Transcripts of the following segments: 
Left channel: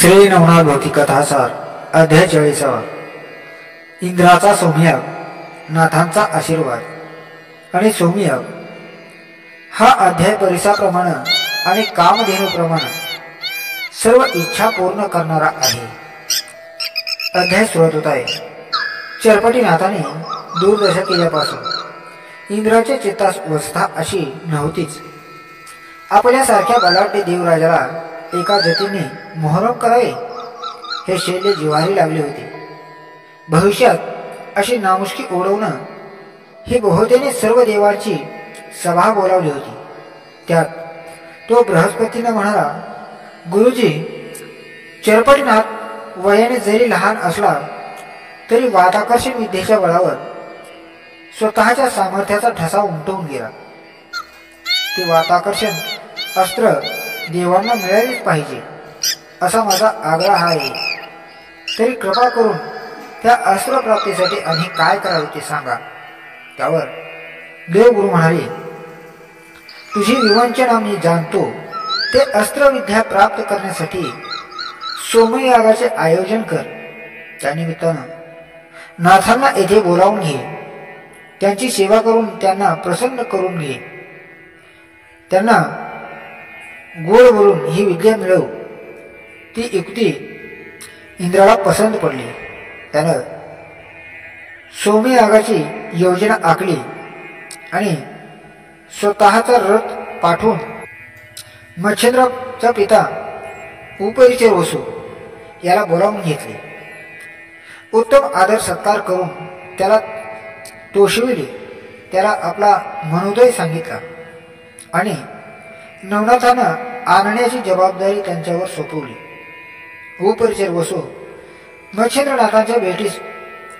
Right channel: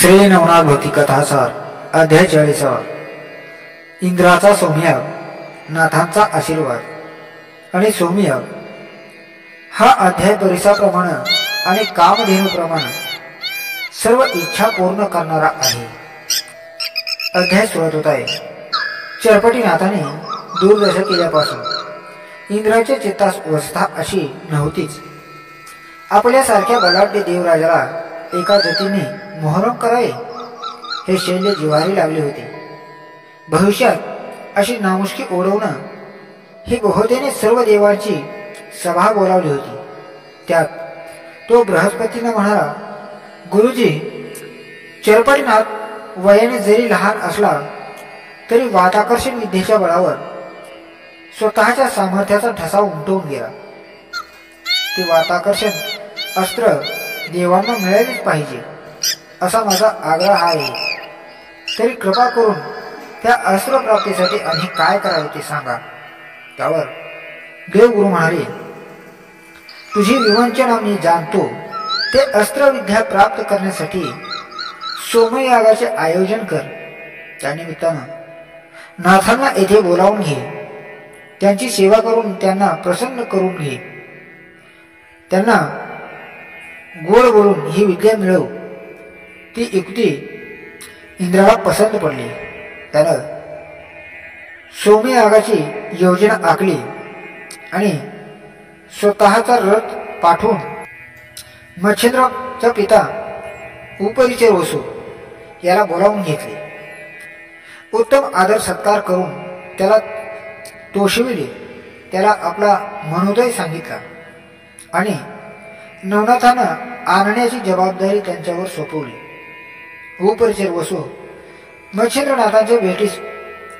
श्री नवनाथ भक्ती कथासार अध्याय 40। इंद्राचा सौम्ययाग, नाथांचा आशीर्वाद आणि सौम्ययाग हा अध्याय परिसाप्रमाणे आणि कामधेनुप्रमाणे सर्व इच्छा पूर्ण करणारा आहे। अध्याय सुरुवात होत आहे। चरपटीनाथाने दूरदर्शन केल्यापासून इंद्राच्या चित्तास अवस्था अशी नव्हतीच। आपल्यासारख्या बलाढ्य देवराजाला एका जतीने मोहरम करावे हे शैल्य जिव्हारी लागले होते। भविष्यात अशी नामुष्की ओढवणं ही बहुतेने सर्व देवांची सभा बोलावली होती। त्यात तो बृहस्पतींना म्हणाला, गुरुजी, चरपटीनाथ वयाने जरी लहान असला तरी वाताकर्षण विद्येच्या बळावर स्वतःच्या सामर्थ्याचा ठसा उमटवून गेला। ते वाताकर्षण अस्त्र देवांना मिळालेच पाहिजे असा माझा आग्रह आहे। तरी कृपा करून त्या अस्त्र प्राप्तीसाठी आम्ही काय करावे ते सांगा। त्यावर देवगुरु म्हणाले, तुझी विवंचना मी जाणतो। ते अस्त्रविद्या प्राप्त करण्यासाठी सोमयागाचे आयोजन कर। त्यानिमित्तानं नाथांना येथे बोलावून घे, त्यांची सेवा करून त्यांना प्रसन्न करून घे, त्यांना गोड बोलून ही विद्या मिळव। ती युक्ती इंद्राला पसंत पडली। त्यानं सोमयागाची योजना आखली आणि स्वतःचा रथ पाठवून मच्छिंद्राचा पिता उपरिचर वसू याला बोलावून घेतले। उत्तम आदर सत्कार करून त्याला तोषविले। त्याला आपला मनोदय सांगितला आणि नवनाथांना आणण्याची जबाबदारी त्यांच्यावर सोपवली। उपरिचर वसू मच्छिंद्रनाथांच्या भेटीस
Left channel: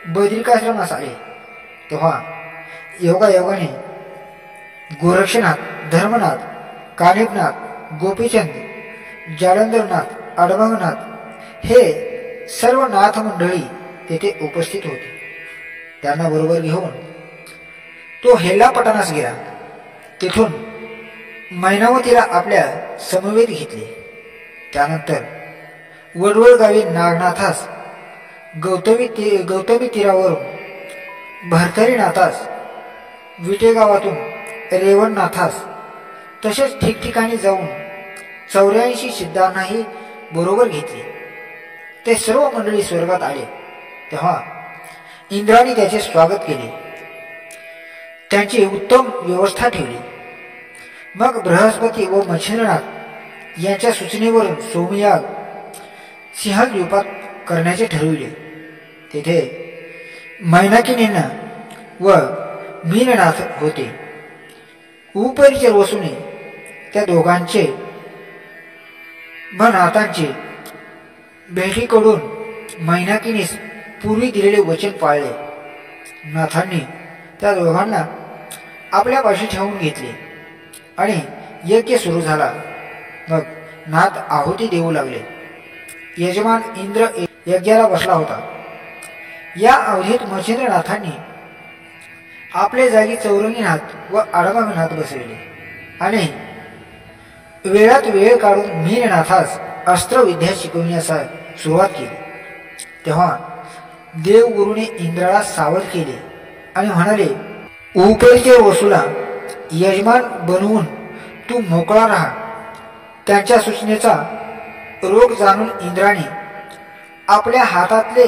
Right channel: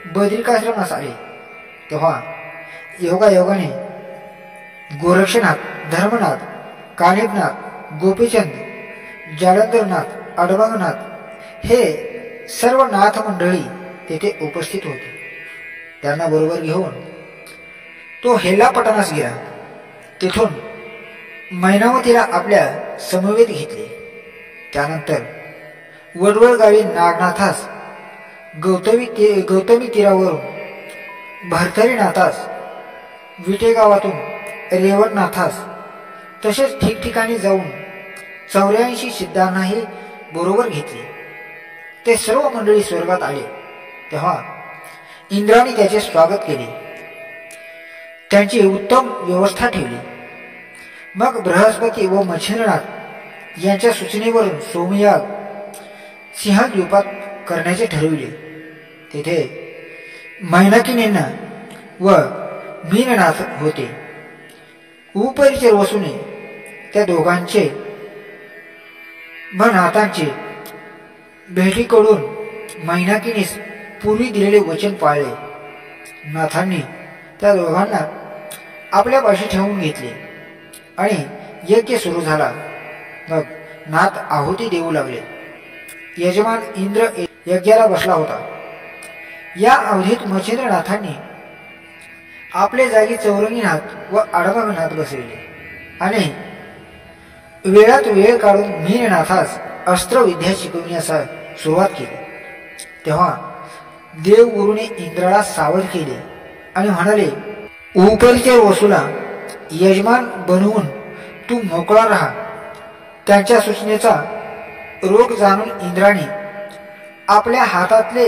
बद्रिकाश्रमास आले तेव्हा योगायोगाने गोरक्षनाथ, धर्मनाथ, कानिबनाथ, गोपीचंद, जालंधरनाथ, अडभंगनाथ हे सर्व नाथ मंडळी तेथे उपस्थित होते। त्यांना बरोबर घेऊन तो हेल्लापटणास गेला। तेथून मैनावतीला आपल्या समवेत घेतले। त्यानंतर वडवळ गावी नागनाथास, गौतमी तीरावरून भरथरीनाथास, विटे गावातून रेवणनाथास, तसेच ठिकठिकाणी जाऊन 84 सिद्धांनाही बरोबर घेतले। ते सर्व मंडळी स्वर्गात आले तेव्हा इंद्राने त्याचे स्वागत केले, त्यांची उत्तम व्यवस्था ठेवली। मग बृहस्पती व मच्छिंद्रनाथ यांच्या सूचनेवरून सोमयाग सिंहद्वीपात करण्याचे ठरविले। तेथे मैनाकिनींना व मीननाथ होते। उपरिचर वसूने त्या दोघांचे व नाथांचे भेटीकडून मैनाकिनीस पूर्वी दिलेले वचन पाळले। नाथांनी त्या दोघांना आपल्यापाशी ठेवून घेतले आणि यज्ञ सुरू झाला। मग नाथ आहुती देऊ लागले। यजमान इंद्र यज्ञाला बसला होता। या अवधीत मच्छिंद्रनाथांनी आपले जागी चौरंगीनाथ व अडभंगनाथ बसविले आणि वेळात वेळ काढून मीननाथास अस्त्रविद्या शिकविण्यास सुरुवात केली। तेव्हा देवगुरूने इंद्राला सावध केले आणि म्हणाले, उपरिचर वसूला यजमान बनवून तू मोकळा राहा। त्यांच्या सूचनेचा रोग जाणून इंद्राने आपल्या हातातले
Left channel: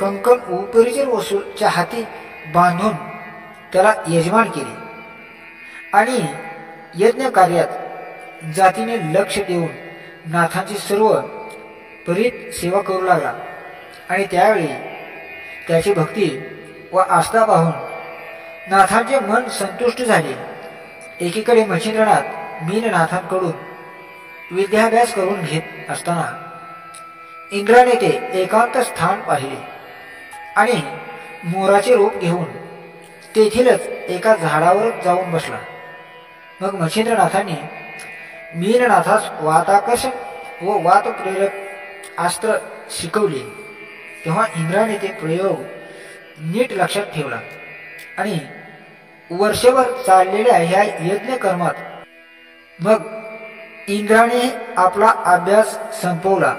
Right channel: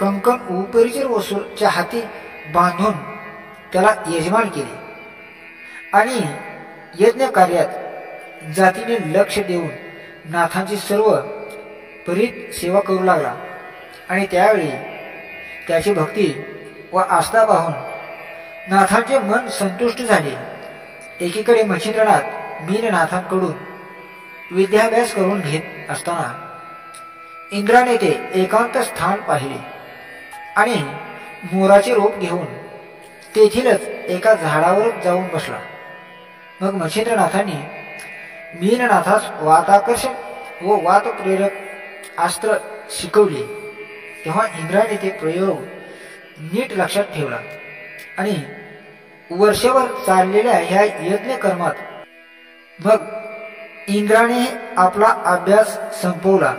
कंकण उपरिचर वसूच्या हाती बांधून त्याला यजमान केले आणि यज्ञ कार्यात जातीने लक्ष देऊन नाथांची सर्व परीत सेवा करू लागला। आणि त्यावेळी त्याची भक्ती व आस्था पाहून नाथांचे मन संतुष्ट झाले। एकीकडे मच्छिंद्रनाथ मीननाथांकडून विद्याभ्यास करून घेत असताना इंद्राने ते एकांत स्थान पाहिले आणि मोराचे रूप घेऊन तेथीलच एका झाडावर जाऊन बसला। मग मच्छिंद्रनाथांनी मीननाथास वाताकर्षण व वातप्रेरक अस्त्र शिकवले। तेव्हा इंद्राने ते प्रयोग नीट लक्षात ठेवला आणि वर्षभर चाललेल्या ह्या यज्ञकर्मात मग इंद्राने आपला अभ्यास संपवला।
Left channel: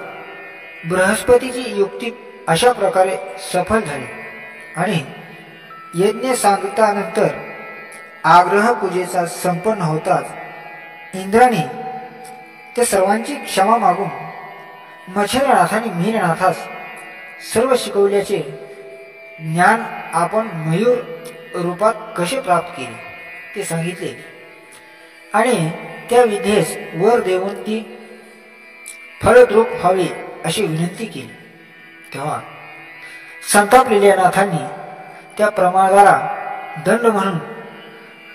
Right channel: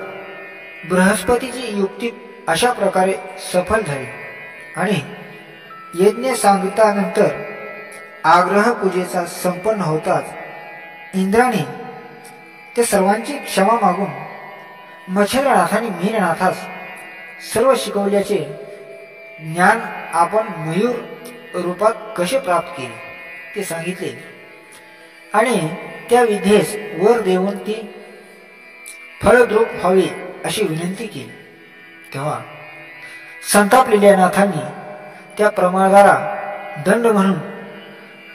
बृहस्पतीची युक्ती अशा प्रकारे सफल झाली आणि यज्ञ सांगतानंतर आग्रह पूजेचा संपन्न होताच इंद्राने त्या सर्वांची क्षमा मागून मच्छिंद्रनाथाने मीननाथास सर्व शिकवल्याचे ज्ञान आपण मयूर रूपात कसे प्राप्त केले ते सांगितले आणि त्या विधेस वर देऊन ती फळद्रूप व्हावी अशी विनंती केली. तेव्हा संतापलेल्या नाथांनी त्या प्रमादाला दंड म्हणून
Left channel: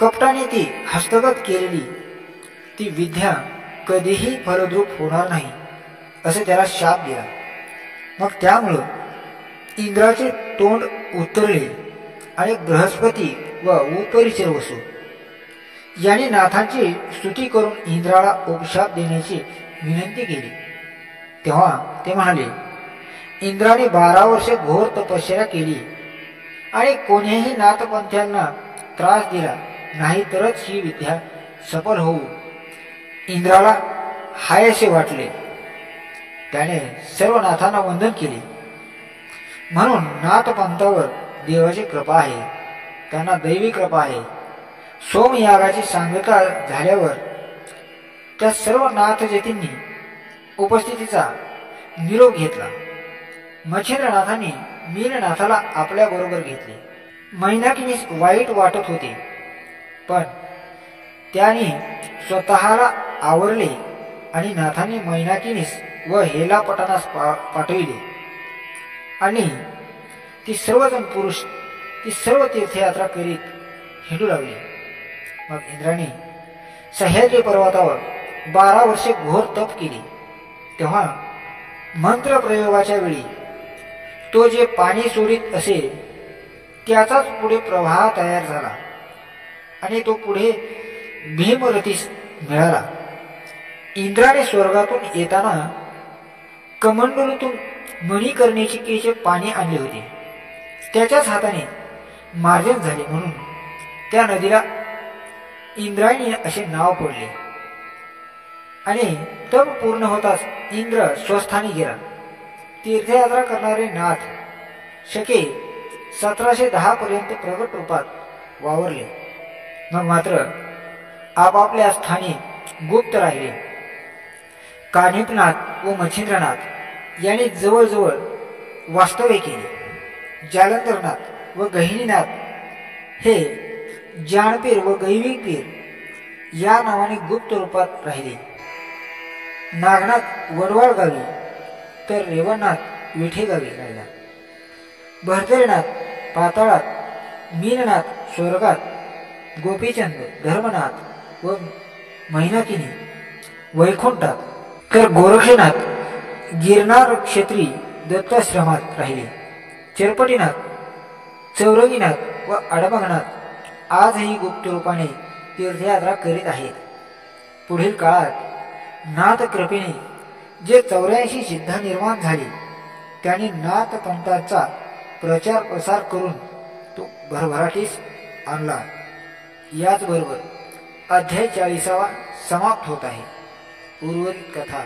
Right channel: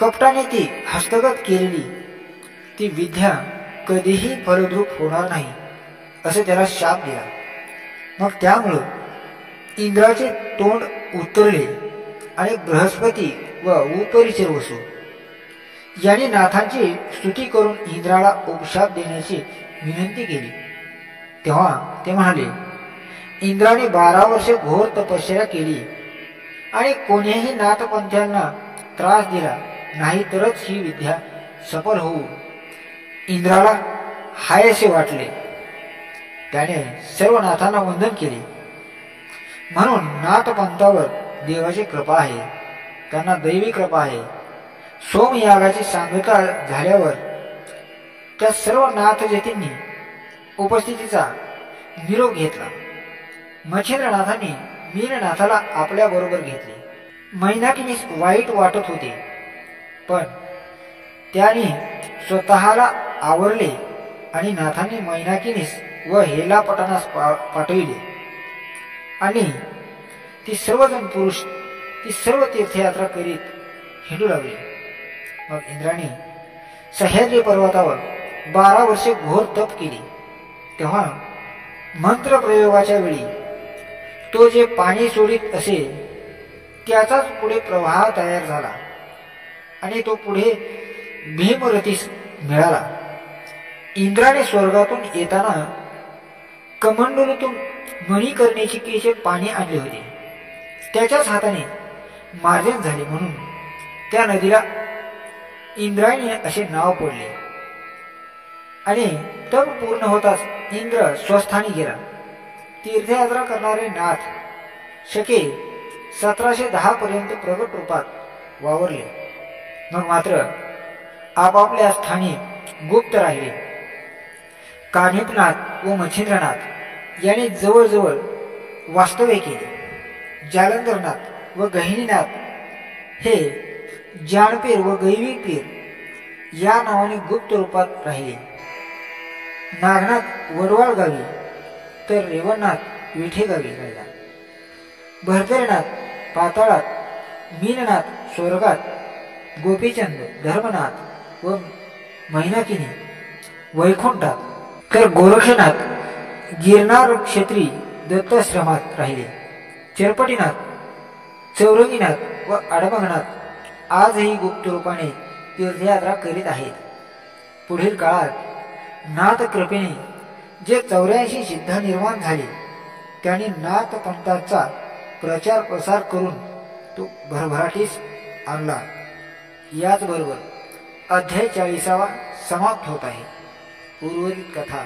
कपटाने ती हस्तगत केलेली ती विद्या कधीही फलद्रूप होणार नाही असे त्याला शाप दिला. मग त्यामुळं इंद्राचे तोंड उतरले आणि बृहस्पती व उपरिचर वसू यांनी नाथांची स्तुती करून इंद्राला उपशाप देण्याची विनंती केली. तेव्हा ते म्हणाले, इंद्राने 12 वर्षे घोर तपश्चर्या केली आणि कोणीही नाथपंथ्यांना त्रास दिला नाही तरच ही विद्या सफल होऊ इंद्राला हायसे वाटले. त्याने सर्व नाथांना वंदन केले. म्हणून नाथपंथावर देवाची कृपा आहे, त्यांना दैवी कृपा आहे. सोमयागाची सांगता झाल्यावर त्या सर्व नाथजतींनी उपस्थितीचा निरोप घेतला. मच्छिंद्रनाथांनी मीननाथाला आपल्या बरोबर घेतले. मैनाकिनीस वाईट वाटत होते, पण त्याने स्वतःला आवरले आणि नाथांनी मैनाकिनीस व हेलापटानास पाठविले आणि ती सर्वजण पुरुष ती सर्व तीर्थयात्रा करीत हिंडू लागले. मग इंद्राने सह्याद्री पर्वतावर 12 वर्षे घोर तप केले. तेव्हा मंत्र प्रयोगाच्या वेळी तो जे पाणी सोडित असे त्याचाच पुढे प्रवाह तयार झाला आणि तो पुढे भीमरथीस मिळाला. इंद्राने स्वर्गातून येताना कमंडलूतून मणिकर्णिकेचे पाणी आणले होते. त्याच्याच हाताने मार्जन झाले म्हणून त्या नदीला इंद्रायणी असे नाव पडले. आणि तप पूर्ण होताच इंद्र स्वस्थानी गेला. तीर्थयात्रा करणारे नाथ शके 1710 पर्यंत प्रगट रूपात वावरले. मग मात्र आपापल्या स्थानी गुप्त राहिले. कानिपनाथ व मच्छिंद्रनाथ यांनी जवळजवळ वास्तव्य केले. जालंधरनाथ व गहिनीनाथ हे जानपीर व गैवीपीर या नावाने गुप्त रूपात राहिले. नागनाथ वडवाळ गावी तर रेवणनाथ विठे गावी राहिला. भरतरीनाथ पाताळात, मीननाथ स्वर्गात, गोपीचंद, धर्मनाथ व मैनाकिनी वैकुंठात तर गोरक्षनाथ गिरनार क्षेत्री दत्ताश्रमात राहिले. चरपटीनाथ, चौरंगीनाथ व अडमंगनाथ आजही गुप्त रूपाने तीर्थयात्रा करीत आहेत. पुढील काळात नाथ कृपेने जे 84 सिद्ध निर्माण झाले त्यांनी नाथपंथाचा प्रचार प्रसार करून तो भरभराटीस आणला. याचबरोबर अध्याय 40 समाप्त होत आहे. उर्वरित कथा